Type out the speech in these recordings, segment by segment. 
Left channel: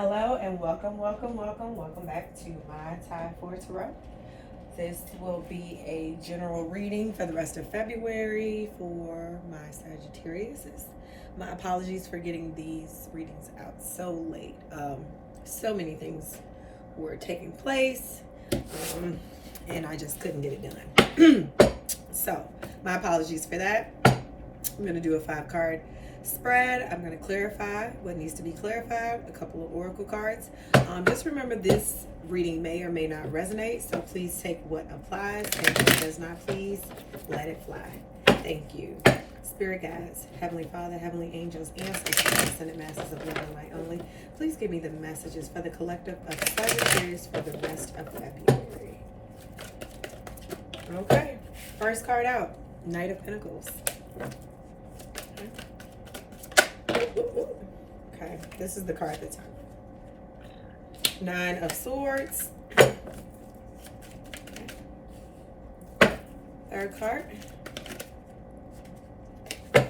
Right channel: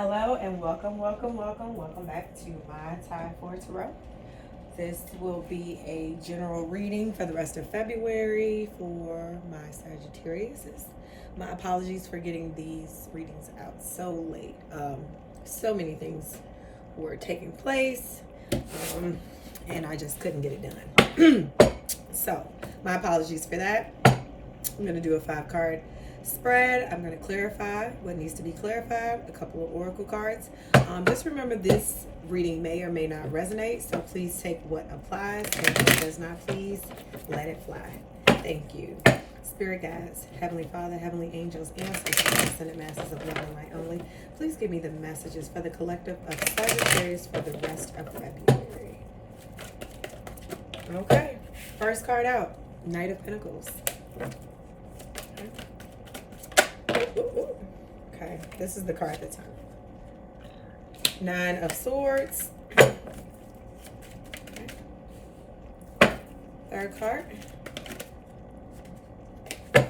Hello and welcome back to my Time for Tarot. This will be a general reading for the rest of February for my Sagittarius. My apologies for getting these readings out so late. So many things were taking place, and I just couldn't get it done. So my apologies for that. I'm going to do a 5-card spread. I'm going to clarify what needs to be clarified, a couple of oracle cards. Just remember, this reading may or may not resonate, so please take what applies, and if it does not, please let it fly. Thank you. Spirit guides, Heavenly Father, Heavenly Angels, Ancestors, Ascended Masters of Love and Light only, please give me the messages for the collective of Sagittarius for the rest of February. Okay, first card out, Knight of Pentacles. Okay, this is the card that's on. 9 of Swords. Third card. I'm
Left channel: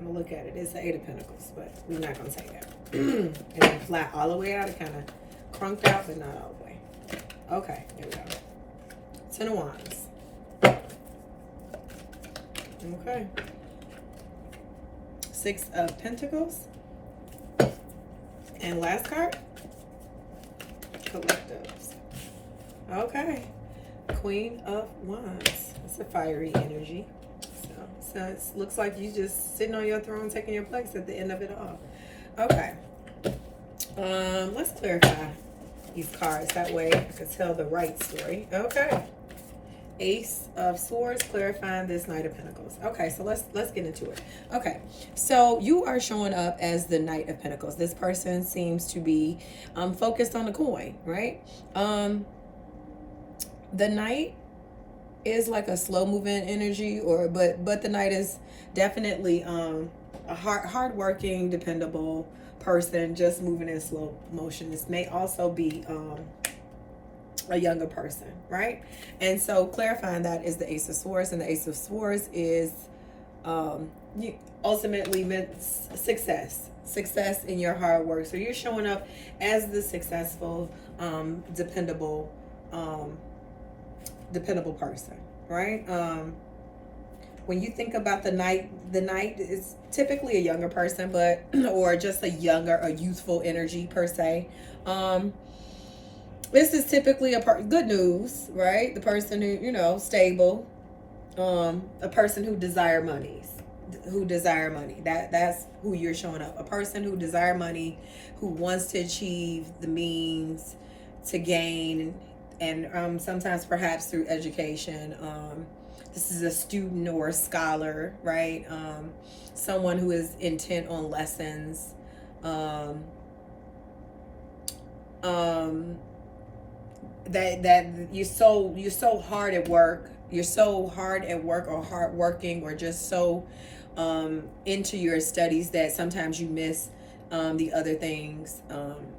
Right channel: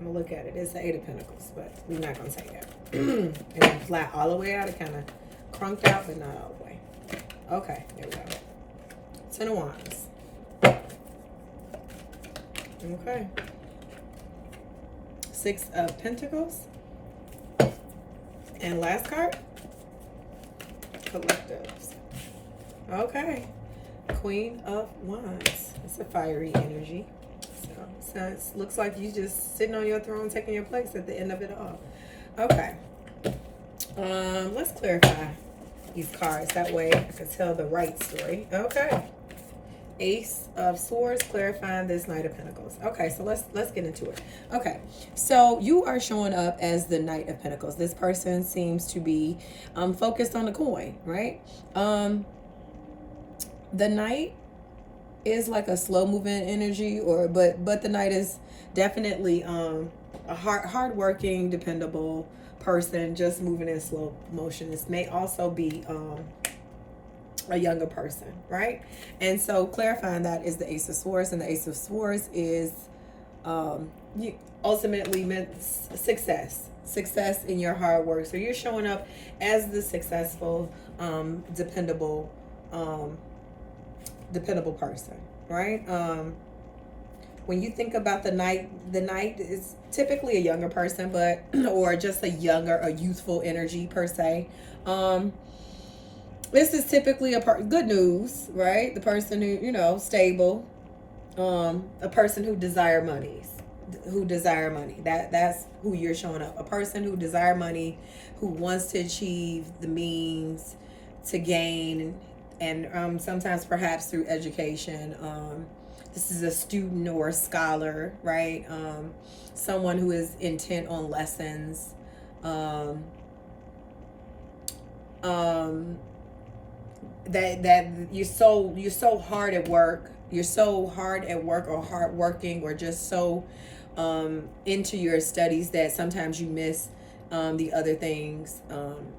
gonna look at it. It's the 8 of Pentacles, but we're not gonna take that. And then flat all the way out. It kind of crunked out, but not all the way. Okay, there we go. 10 of Wands. Okay. 6 of Pentacles. And last card, Collectives. Okay. Queen of Wands. It's a fiery energy. So it looks like you just sitting on your throne, taking your place at the end of it all. Okay. Let's clarify these cards. That way I can tell the right story. Okay. Ace of Swords, clarifying this Knight of Pentacles. Okay, so let's get into it. Okay, so you are showing up as the Knight of Pentacles. This person seems to be focused on the coin, right? The Knight is like a slow moving energy, but the Knight is definitely a hardworking, dependable person, just moving in slow motion. This may also be a younger person, right? And so clarifying that is the Ace of Swords, and the Ace of Swords is ultimately meant success in your hard work. So you're showing up as the successful, dependable person, right? When you think about the Knight is typically a younger person, but or just a youthful energy per se. This is typically good news, right? The person who, stable, a person who desire money. That's who you're showing up. A person who desire money, who wants to achieve the means to gain, and sometimes perhaps through education. This is a student or a scholar, right? Someone who is intent on lessons. That you're so hard at work. You're so hard at work, or hardworking, or just so into your studies that sometimes you miss the other things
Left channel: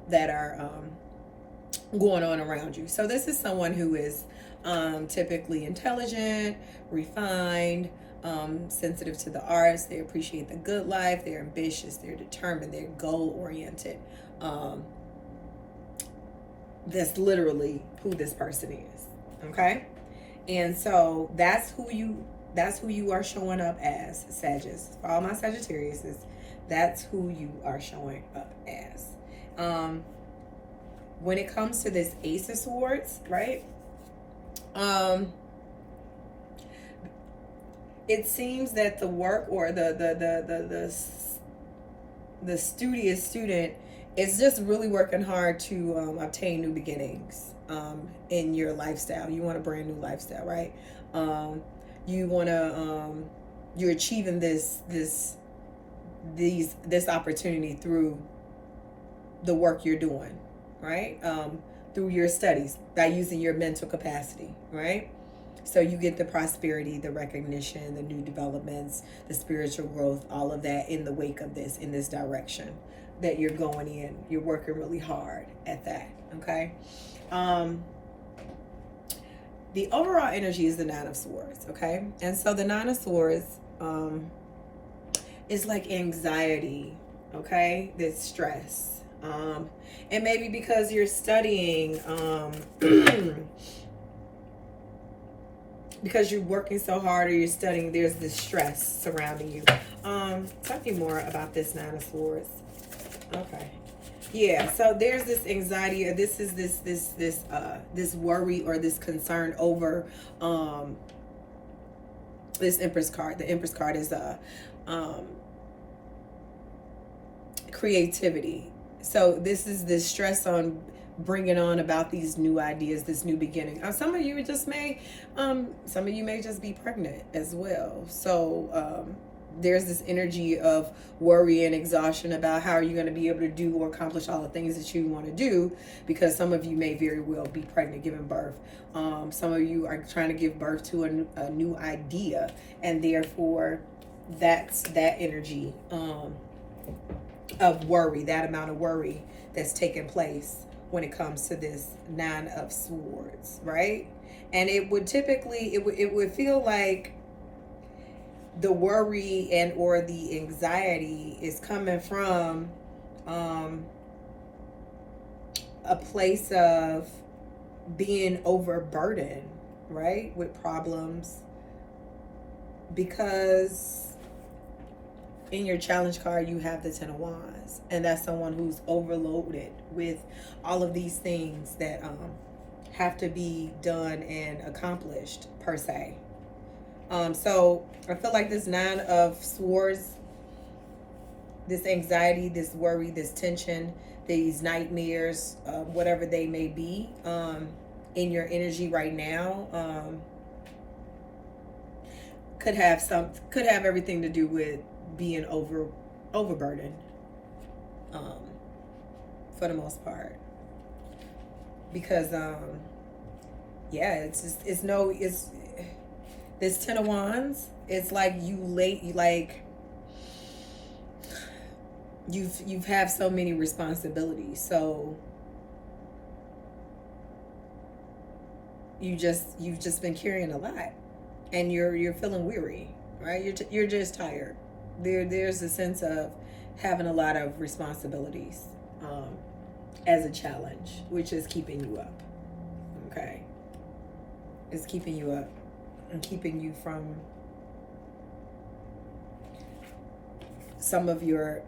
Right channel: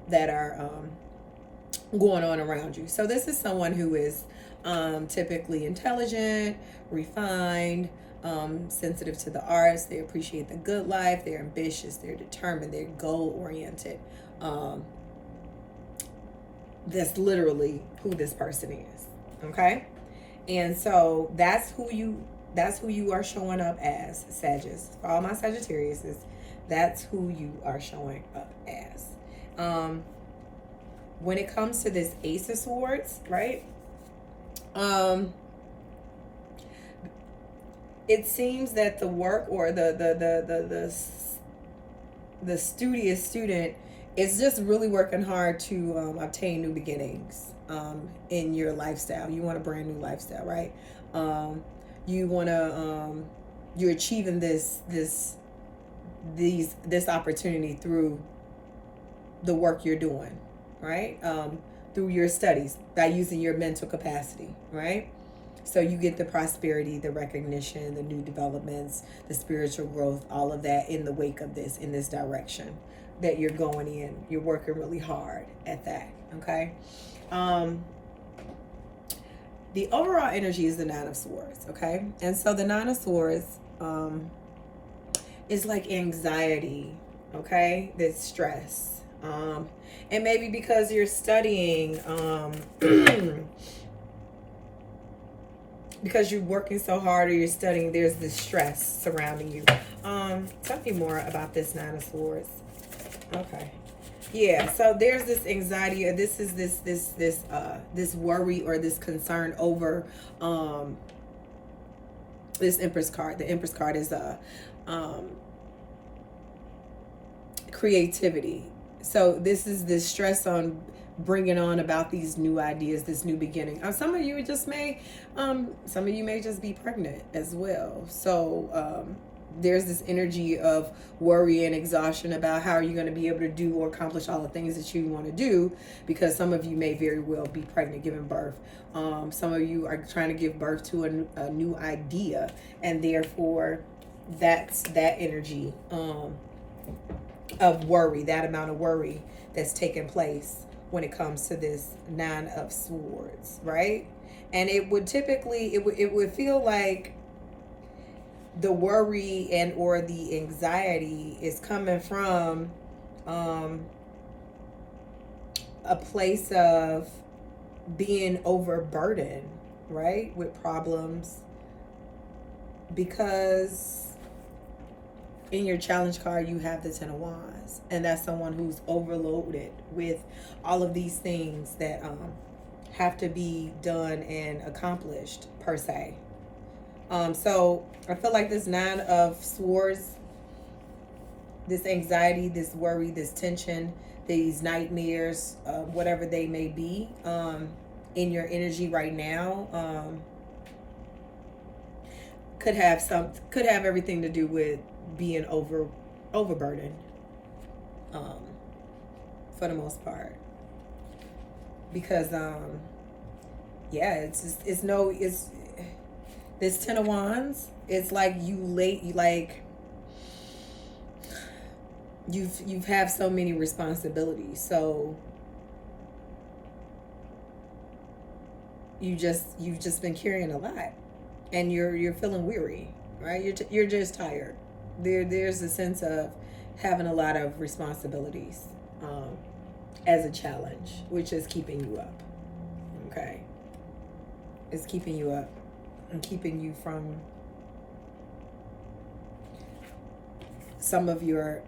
that are going on around you. So this is someone who is typically intelligent, refined, sensitive to the arts. They appreciate the good life. They're ambitious. They're determined. They're goal-oriented. That's literally who this person is. Okay? And so that's who you are showing up as, Sagittarius. For all my Sagittariuses, that's who you are showing up as. When it comes to this Ace of Swords, right? It seems that the work, or the studious student is just really working hard to obtain new beginnings in your lifestyle. You want a brand new lifestyle, right? You want to you're achieving this opportunity through the work you're doing, right? Through your studies, by using your mental capacity, right? So you get the prosperity, the recognition, the new developments, the spiritual growth, all of that in the wake of this, in this direction that you're going in. You're working really hard at that, okay? The overall energy is the 9 of Swords, okay? And so the 9 of Swords is like anxiety, okay? That's stress. And maybe because you're studying, because you're working so hard or you're studying, there's this stress surrounding you. Tell me more about this Nine of Swords. Okay. Yeah, so there's this anxiety, or this is this worry or this concern over this Empress card. The Empress card is creativity. So this is this stress on bringing on about these new ideas, this new beginning. Some of you just may, some of you may just be pregnant as well. So there's this energy of worry and exhaustion about how you're going to be able to do or accomplish all the things that you want to do, because some of you may very well be pregnant, giving birth. Some of you are trying to give birth to a new idea, and therefore that's that energy of worry, that amount of worry that's taking place when it comes to this Nine of Swords, right? And it would typically, it would feel like the worry and or the anxiety is coming from a place of being overburdened, right, with problems, because in your challenge card you have the Ten of Wands, and that's someone who's overloaded with all of these things that have to be done and accomplished per se. So I feel like this Nine of Swords, this anxiety, this worry, this tension, these nightmares, whatever they may be, in your energy right now, could have everything to do with being overburdened, for the most part. Because yeah, it's this Ten of Wands. It's like you've have so many responsibilities, so you've just been carrying a lot, and you're feeling weary, right? You're just tired. There's a sense of having a lot of responsibilities as a challenge, which is keeping you up. Okay, it's keeping you up and keeping you from some of your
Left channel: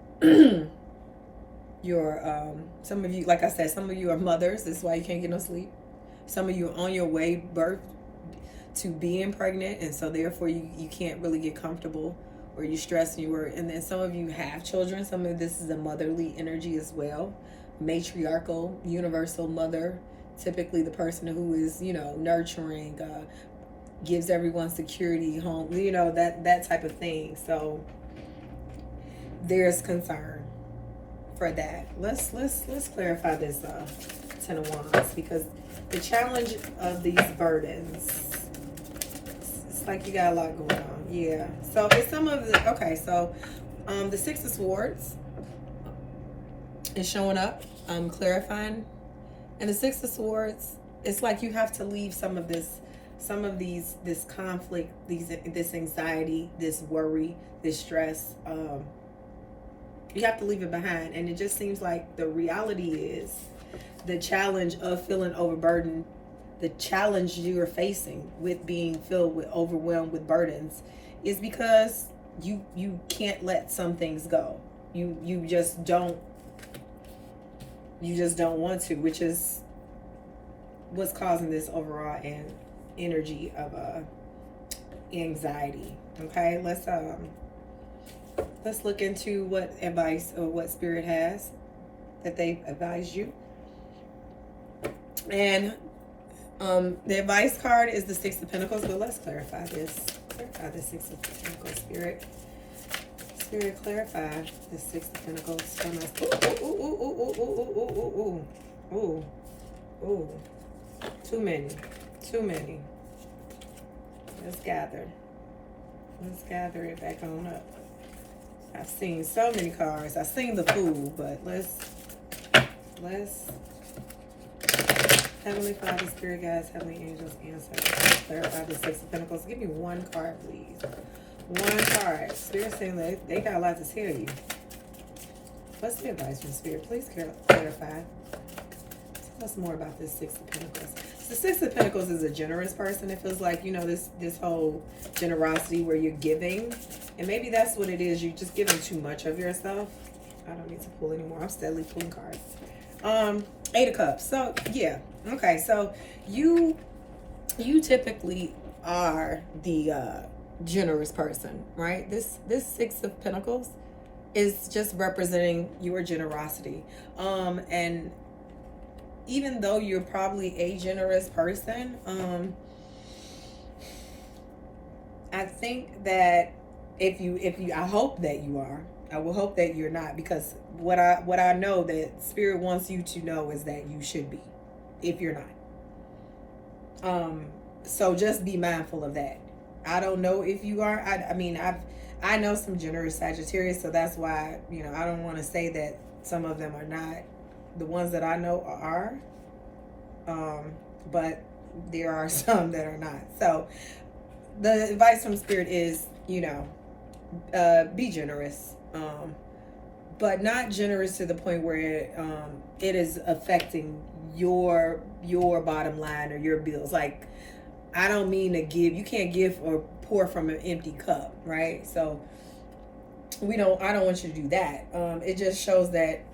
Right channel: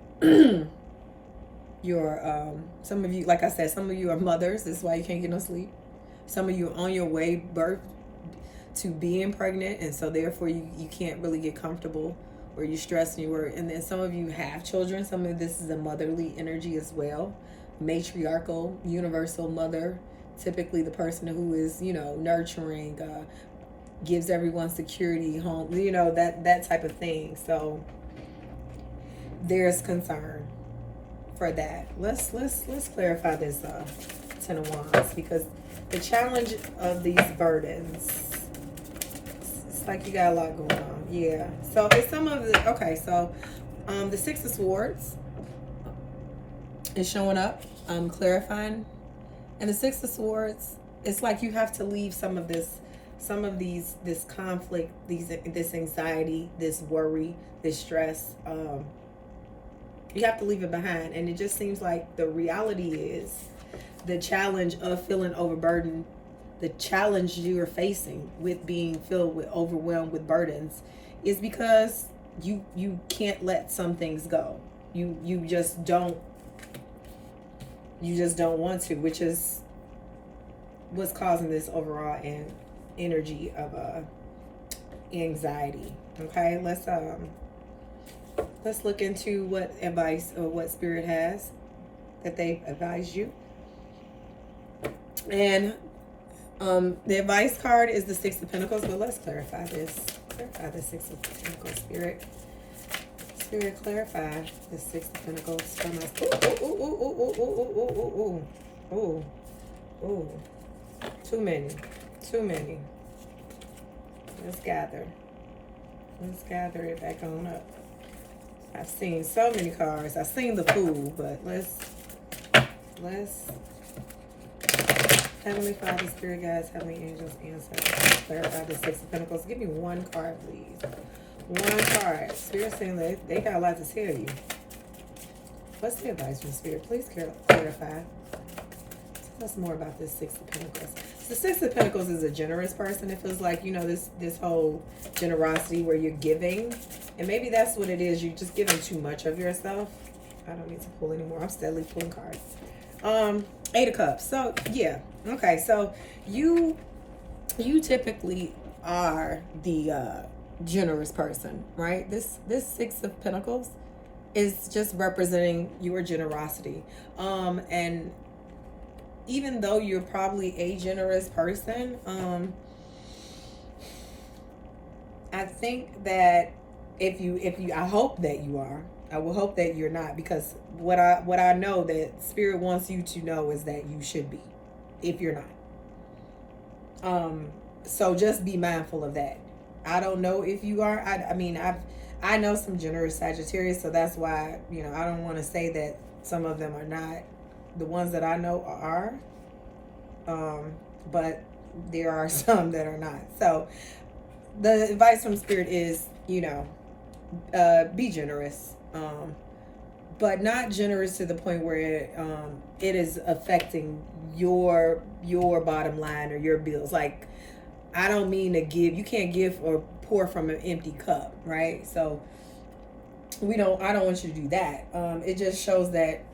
some of you, like I said, some of you are mothers. That's why you can't get no sleep. Some of you are on your way birth to being pregnant, and so therefore you can't really get comfortable, or you stress and you worry. And then some of you have children. Some of this is a motherly energy as well. Matriarchal, universal mother, typically the person who is, nurturing, gives everyone security, home, that type of thing. So there's concern for that. Let's clarify this Ten of Wands, because the challenge of these burdens, it's like you got a lot going on. Yeah. So it's some of the, okay, so the Six of Swords is showing up, clarifying. And the Six of Swords, it's like you have to leave this conflict, this anxiety, this worry, this stress. You have to leave it behind. And it just seems like the reality is the challenge of feeling overburdened, the challenge you are facing with being overwhelmed with burdens, is because you can't let some things go. You just don't want to, which is what's causing this overall energy of anxiety. Okay, let's look into what advice or what Spirit has that they advise you. And the advice card is the Six of Pentacles, but let's clarify this. Clarify the Six of Pentacles, Spirit. Spirit, clarify the Six of Pentacles. Ooh. Too many. Let's gather it back on up. I've seen so many cards. I've seen the Fool, but let's Heavenly Father, Spirit Guides, Heavenly Angels, answer. Clarify the Six of Pentacles. Give me one card, please. One card. Spirit saying they got a lot to tell you. What's the advice from Spirit? Please clarify. Tell us more about this Six of Pentacles. So Six of Pentacles is a generous person. It feels like, you know, this whole generosity where you're giving. And maybe that's what it is. You're just giving too much of yourself. I don't need to pull anymore. I'm steadily pulling cards. Eight of Cups. So, yeah. Okay, so you typically are the generous person, right? This Six of Pentacles is just representing your generosity. And even though you're probably a generous person, I think that if you, I hope that you are. I will hope that you're not, because what I know that Spirit wants you to know is that you should be, if you're not. So just be mindful of that. I don't know if you are. I mean, I know some generous Sagittarius, so that's why, you know, I don't want to say that some of them are not. The ones that I know are, but there are some that are not. So the advice from Spirit is, you know, be generous, but not generous to the point where it is affecting your bottom line or your bills. Like, I don't mean to give. You can't give or pour from an empty cup, right? So I don't want you to do that. It just shows that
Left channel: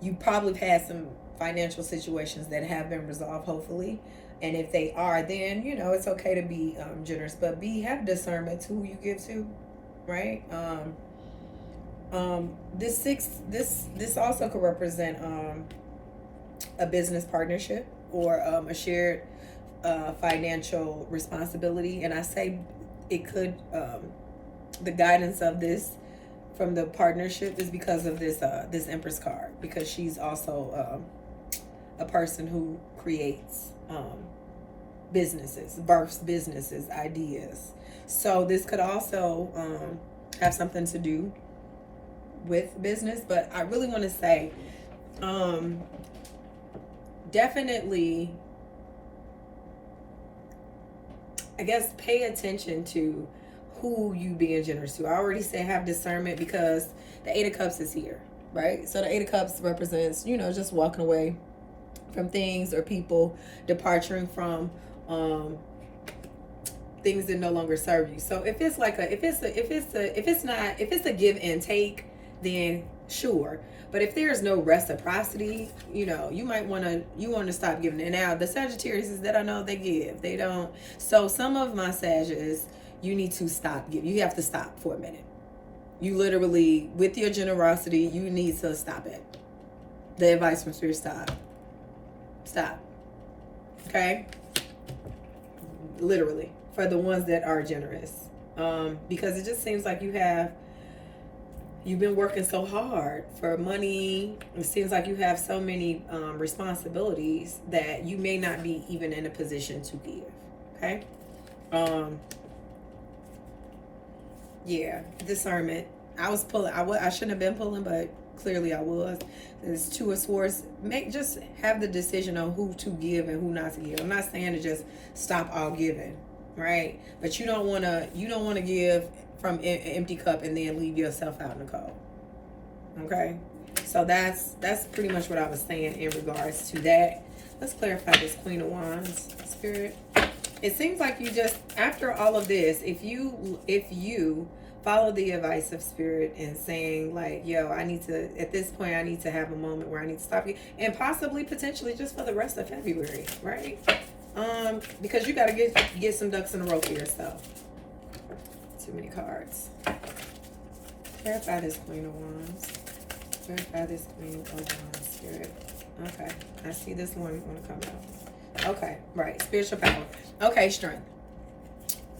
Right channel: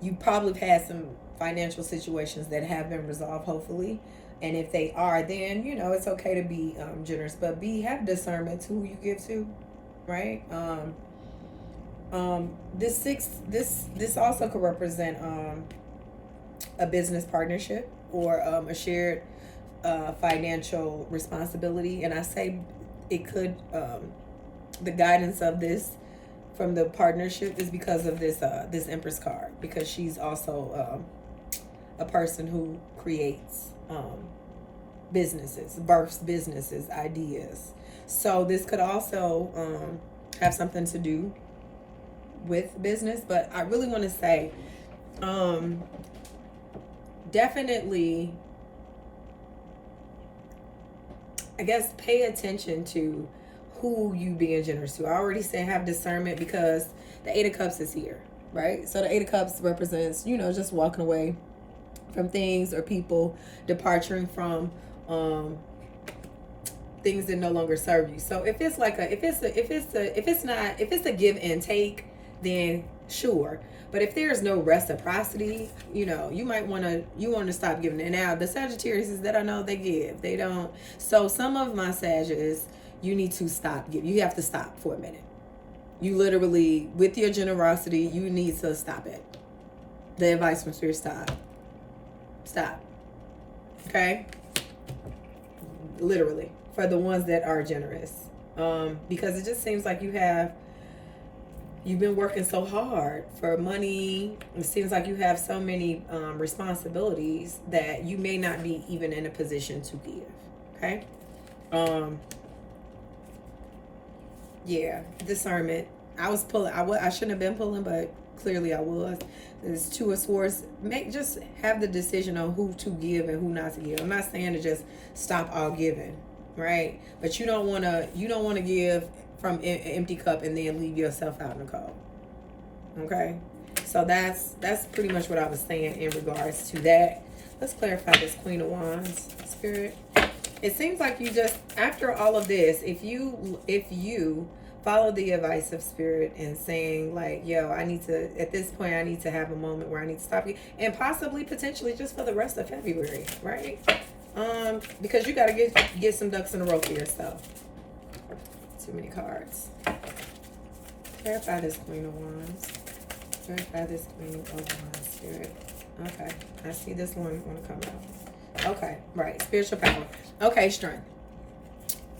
you probably had some financial situations that have been resolved, hopefully. And if they are, then, you know, it's okay to be generous, but have discernment to who you give to, right? This also could represent a business partnership or a shared financial responsibility. And I say it could, the guidance of this from the partnership is because of this Empress card, because she's also a person who creates businesses, births businesses, ideas. So this could also have something to do with business. But I really want to say, definitely, I guess, pay attention to who you being generous to. I already say have discernment, because the Eight of Cups is here, right? So the Eight of Cups represents, you know, just walking away from things or people, departing from things that no longer serve you. So if it's like if it's a give and take, then sure. But if there's no reciprocity, you know, you want to stop giving. And now the Sagittarius that I know, they give, they don't. So some of my Sagittarius, you need to stop giving. You have to stop for a minute. You literally, with your generosity, you need to stop it. The advice from Spirit: stop. Okay. Literally, for the ones that are generous, because it just seems like you've been working so hard for money. It seems like you have so many responsibilities that you may not be even in a position to give. Okay. Yeah, discernment. I shouldn't have been pulling, but clearly I was. There's Two of Swords. Just have the decision on who to give and who not to give. I'm not saying to just stop all giving, right? But you don't want to give from an empty cup and then leave yourself out in the cold. Okay, so that's pretty much what I was saying in regards to that. Let's clarify this Queen of Wands, Spirit. It seems like you just, after all of this, if you follow the advice of Spirit and saying like, yo, at this point I need to have a moment where I need to stop you, and possibly potentially just for the rest of February, right? Because you got to get some ducks in a row for yourself. Too many cards. Clarify this Queen of Wands. Clarify this Queen of Wands, Spirit. Okay, I see this one want to come out. Okay, right, spiritual power. Okay, strength.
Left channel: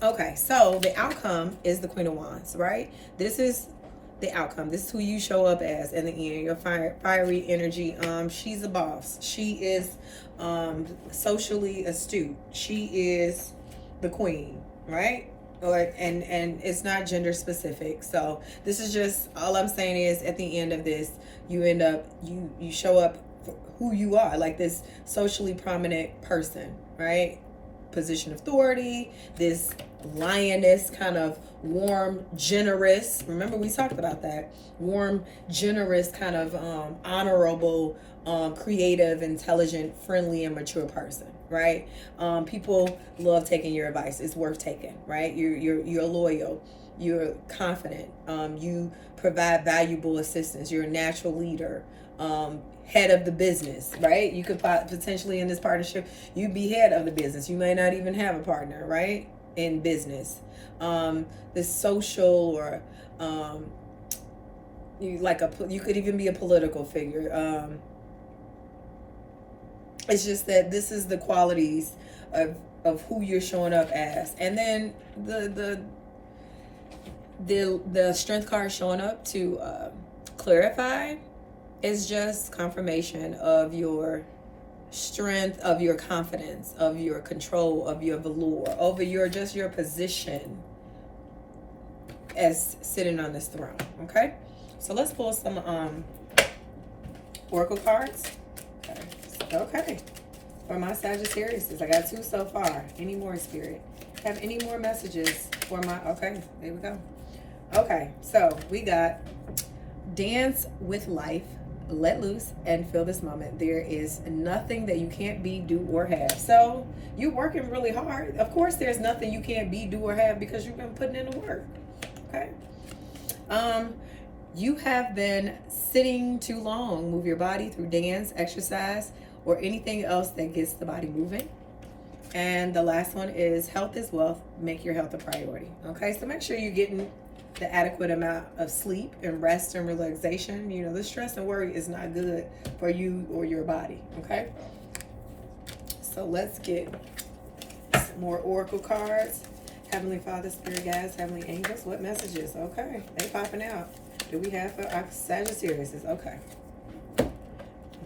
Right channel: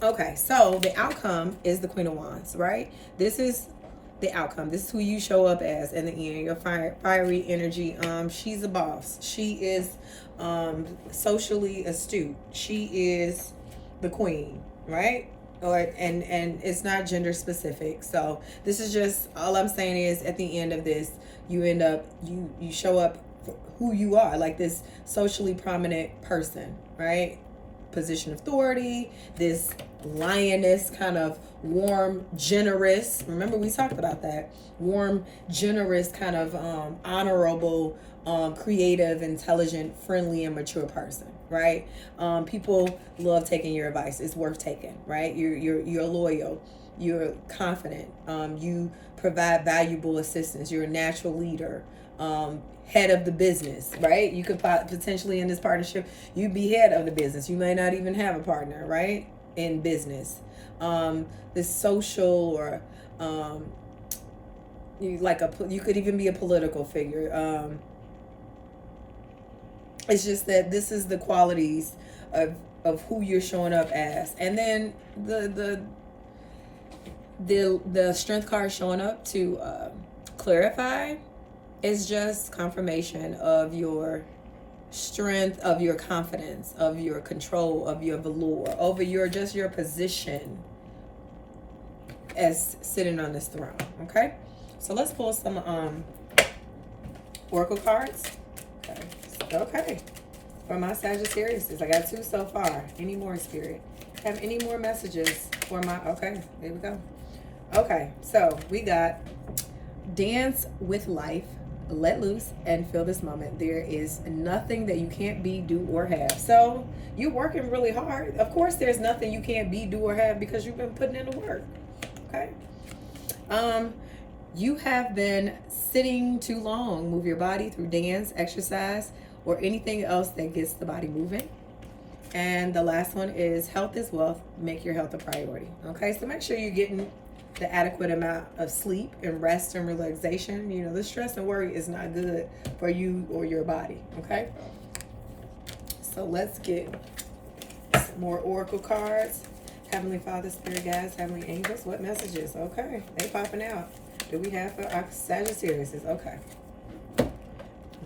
Okay, so the outcome is the Queen of Wands, right? This is the outcome. This is who you show up as in the end. Your fiery energy. She's a boss. She is socially astute. She is the queen, right? And it's not gender specific. So this is just, all I'm saying is at the end of this, you end up, you show up who you are, like this socially prominent person, right? position of authority, this lioness, kind of warm, generous. Remember, we talked about that. Warm, generous, kind of honorable, creative, intelligent, friendly, and mature person, right? People love taking your advice. It's worth taking, right? You're loyal. You're confident. You provide valuable assistance. You're a natural leader. Head of the business, right? You could potentially in this partnership, you be head of the business. You may not even have a partner, right? In business. This social or you could even be a political figure. It's just that this is the qualities of who you're showing up as. And then the strength card showing up to clarify is just confirmation of your strength, of your confidence, of your control, of your velour, over your position as sitting on this throne. Okay, so let's pull some oracle cards. Okay. For my Sagittarius, I got 2 so far. Any more, Spirit? Have any more messages for my... Okay, there we go. Okay, so we got dance with life, let loose, and feel this moment. There is nothing that you can't be, do, or have. So you're working really hard. Of course, there's nothing you can't be, do, or have because you've been putting in the work. Okay. You have been sitting too long. Move your body through dance, exercise, or anything else that gets the body moving. And the last one is health is wealth. Make your health a priority. Okay, so make sure you're getting the adequate amount of sleep and rest and relaxation. You know, the stress and worry is not good for you or your body. Okay, so let's get some more oracle cards. Heavenly Father, Spirit Guides, Heavenly Angels, what messages? Okay, they popping out. Do we have for our Sagittarius? Okay.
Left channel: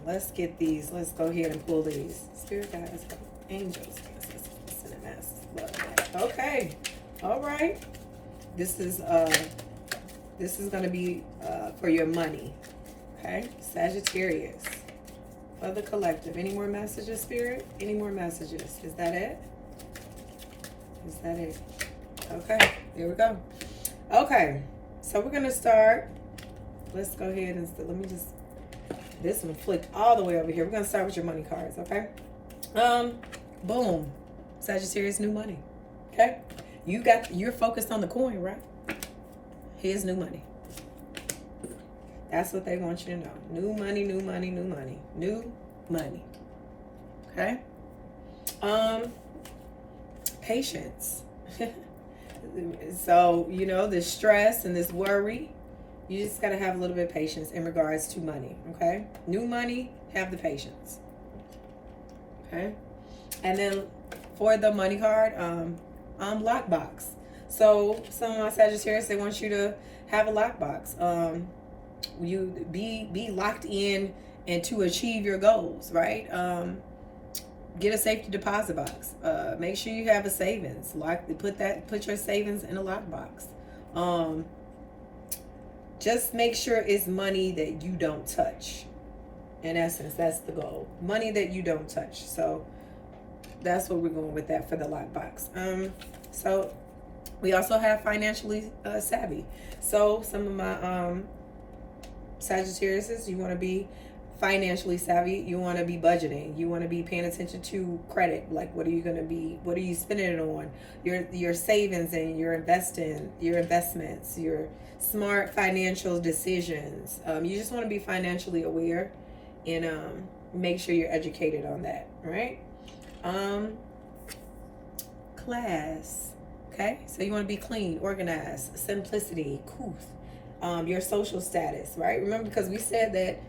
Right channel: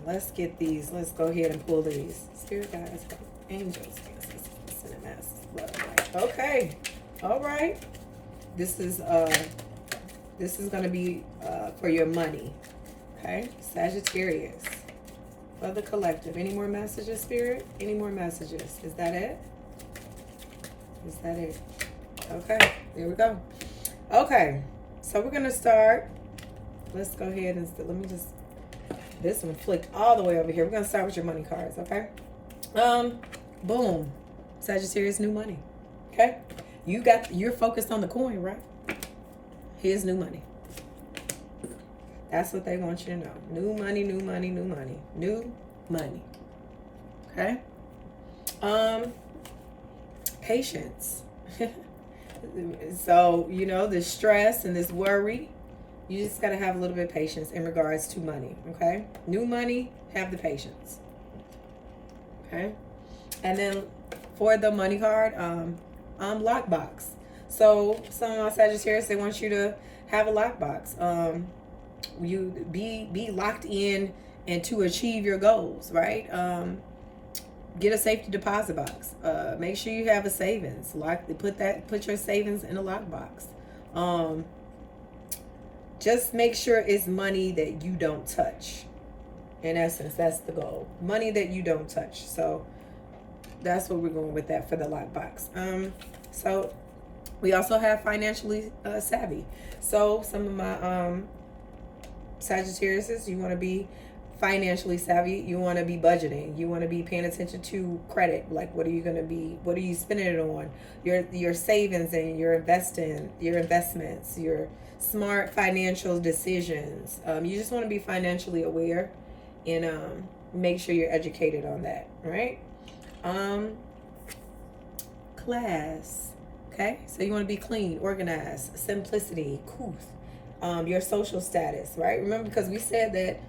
Let's get these. Let's go ahead and pull these. Spirit Guides, Angels. Okay. All right. This is going to be for your money. Okay, Sagittarius. For the collective. Any more messages, Spirit? Any more messages? Is that it? Is that it? Okay, there we go. Okay, so we're gonna start. Let's go ahead and let me just. This one flicked all the way over here. We're gonna start with your money cards, okay? Boom, Sagittarius, new money. Okay, you're focused on the coin, right? Here's new money. That's what they want you to know. New money, new money, new money, new money. Okay. Patience. So, you know, this stress and this worry, you just got to have a little bit of patience in regards to money, okay? New money, have the patience, okay? And then for the money card, lockbox. So some of my Sagittarius, they want you to have a lockbox. You be locked in and to achieve your goals, right? Get a safety deposit box. Make sure you have a savings. Put your savings in a lockbox. Just make sure it's money that you don't touch. In essence, that's the goal. Money that you don't touch. So that's what we're going with that for the lockbox. So we also have financially savvy. So some of my Sagittarius, you want to be financially savvy. You want to be budgeting. You want to be paying attention to credit. Like, what are you spending it on? Your savings and your investments, your smart financial decisions. You just want to be financially aware and make sure you're educated on that, right? Class. Okay, so you want to be clean, organized, simplicity, couth. Your social status, right? Remember, because we said that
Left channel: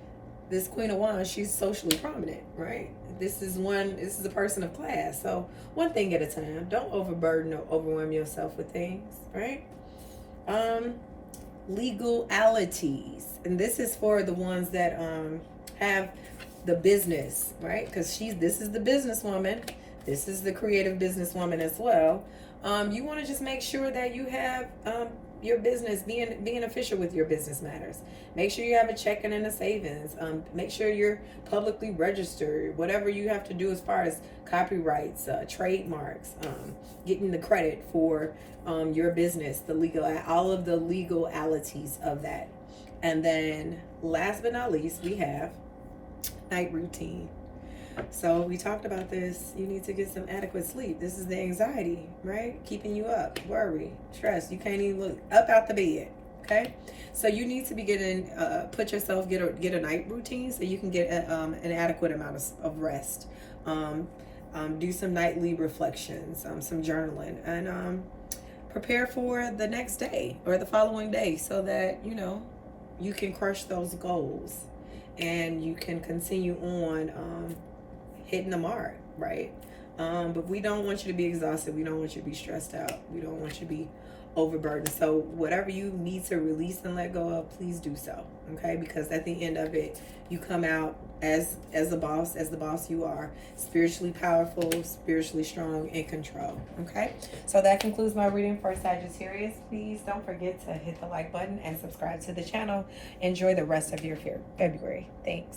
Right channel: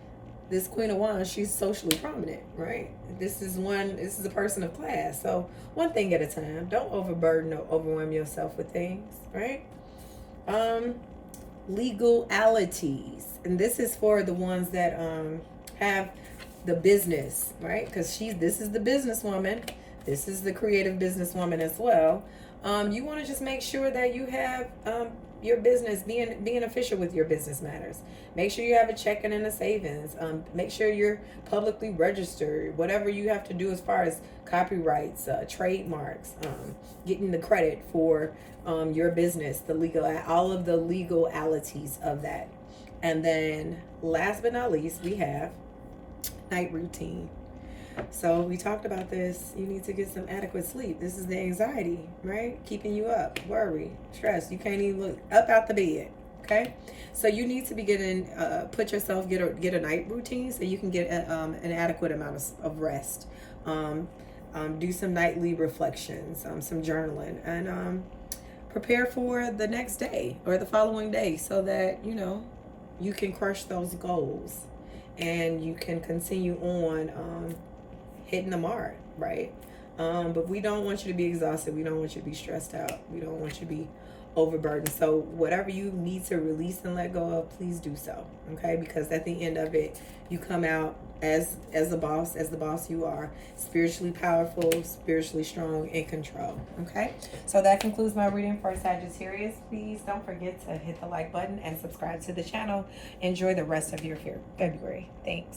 this Queen of Wands, she's socially prominent, right? This is a person of class. So one thing at a time. Don't overburden or overwhelm yourself with things, right? Legalities. And this is for the ones that have the business, right? Because this is the businesswoman. This is the creative businesswoman as well. You want to just make sure that you have your business, being official with your business matters. Make sure you have a checking and a savings. Make sure you're publicly registered. Whatever you have to do as far as copyrights, trademarks, getting the credit for your business, the legal, all of the legalities of that. And then last but not least, we have night routine. So we talked about this. You need to get some adequate sleep. This is the anxiety, right? Keeping you up, worry, stress. You can't even look up out the bed. Okay, so you need to be getting get a night routine so you can get an adequate amount of rest. Do some nightly reflections, some journaling, and prepare for the next day or the following day so that you can crush those goals and you can continue on hitting the mark, right? But we don't want you to be exhausted. We don't want you to be stressed out. We don't want you to be overburdened. So whatever you need to release and let go of, please do so, okay? Because at the end of it, you come out as the boss you are, spiritually powerful, spiritually strong, in control, okay? So that concludes my reading for Sagittarius. Please don't forget to hit the like button and subscribe to the channel. Enjoy the rest of your February. Thanks.